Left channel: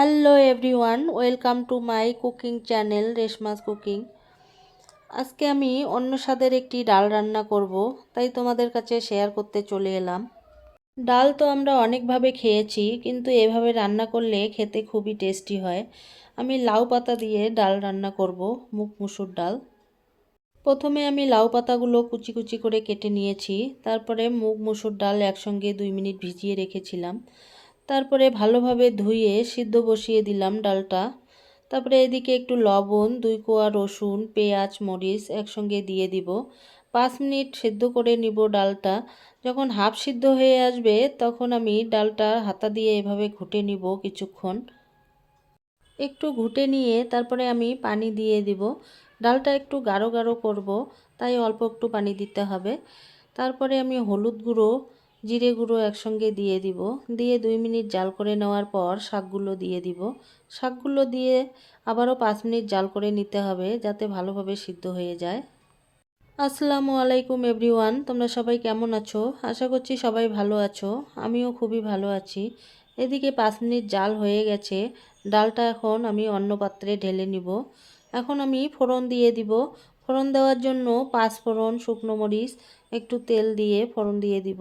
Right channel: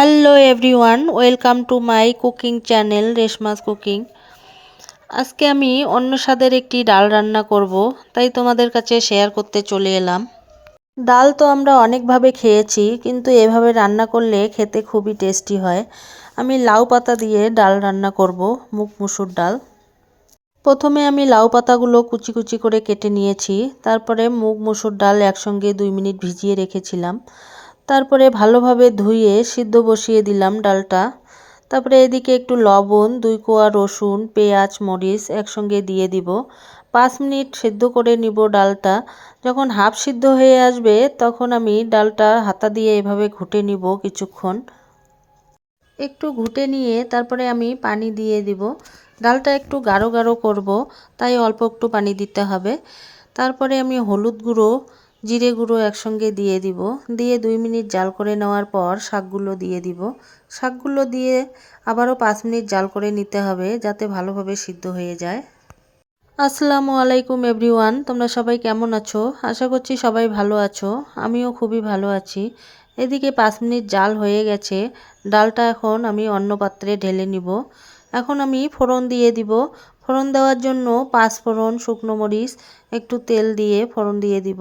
Hello everyone welcome to my cooking channel Reshma's cooking আজকে আমি অন্য স্বাদের একটি ডাল রান্না করব, তাই তোমাদের কাছে শেয়ার করতে চলে এলাম। ডাল তো আমরা অনেকভাবে খেয়েছি, কিন্তু এভাবে রান্না করলে খেতে খুবই টেস্টি হয়। আমি লাউ পাতা দিয়ে ডাল রান্না করব, মুগ মুসুর ডাল। প্রথমে আমি লাউ পাতাগুলো কুচি কুচি করে কেটে নিয়েছি, তারপরে মুগ মুসুর ডাল একসঙ্গে দুই মিনিট ভিজিয়ে রেখেছিলাম। তারপরে ভালোভাবে ধুয়ে সিদ্ধ বসিয়ে দিলাম ডালটা। তারপরে এদিকে একটু লবণ, দুই কোয়া রসুন, পেঁয়াজ, মরিচ একসঙ্গে দিয়ে দিব। পাঁচ মিনিট সেদ্ধ করে নিব ডালটা। যখন হাফ সিদ্ধ হয়ে আসবে, তখন আমি ডালটা হাতা দিয়ে এভাবে ঘুটে নিব কিছুক্ষণ। একটু ঘুটে নিয়ে তারপরে আমি পানি দিয়ে দিব। ডালটা একটু গাঢ় গাঢ় করব, তাই অল্প একটু পানি দিতে হবে। তারপরে আমি হলুদ গুঁড়ো জিরে গুঁড়ো একসঙ্গে দিয়ে দিব। দিয়ে দুই মিনিট জাল করে নেওয়ার পর শাকগুলো দিয়ে দিব। শাকগুলো দিয়ে আবারও পাঁচ মিনিট জাল করে নিতে হবে যাতে ভালোভাবে সিদ্ধ হয়ে যায়। আসসালামু আলাইকুম এভরিওয়ান, তোমরা সবাই কেমন আছো? আশা করছি সবাই ভালো আছো। আমিও খুবই ভালো আছি। এদিকে পাঁচ মিনিট জাল হয়ে গেছে। ডালটা এখন আমি অন্য পাত্রে ঢেলে নিব। এখন আমি ফোড়ন দিয়ে দিব। ফোড়ন দেওয়ার জন্য পাঁচ ফোড়ন শুকনো মরিচ, একটু তেল দিয়ে ফোড়ন দিয়ে দিব।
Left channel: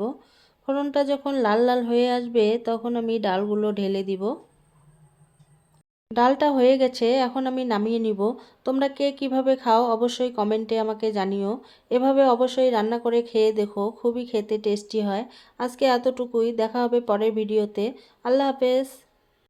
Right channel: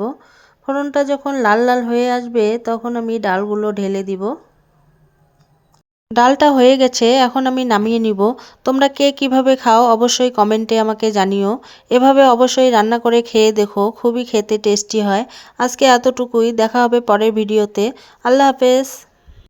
ফোড়নটা যখন লাল লাল হয়ে আসবে, তখন আমি ডালগুলো ঢেলে দিব। ডালটা হয়ে গেছে, এখন আমি নামিয়ে নিব। তোমরা কে কীভাবে খাও অবশ্যই কমেন্টে আমাকে জানিও। এভাবে অবশ্যই রান্না করে খেয়ে দেখো, খুবই খেতে টেস্টি হয়। আজকে এতটুকুই, দেখা হবে পরের ভিডিওতে। আল্লাহ হাফেজ।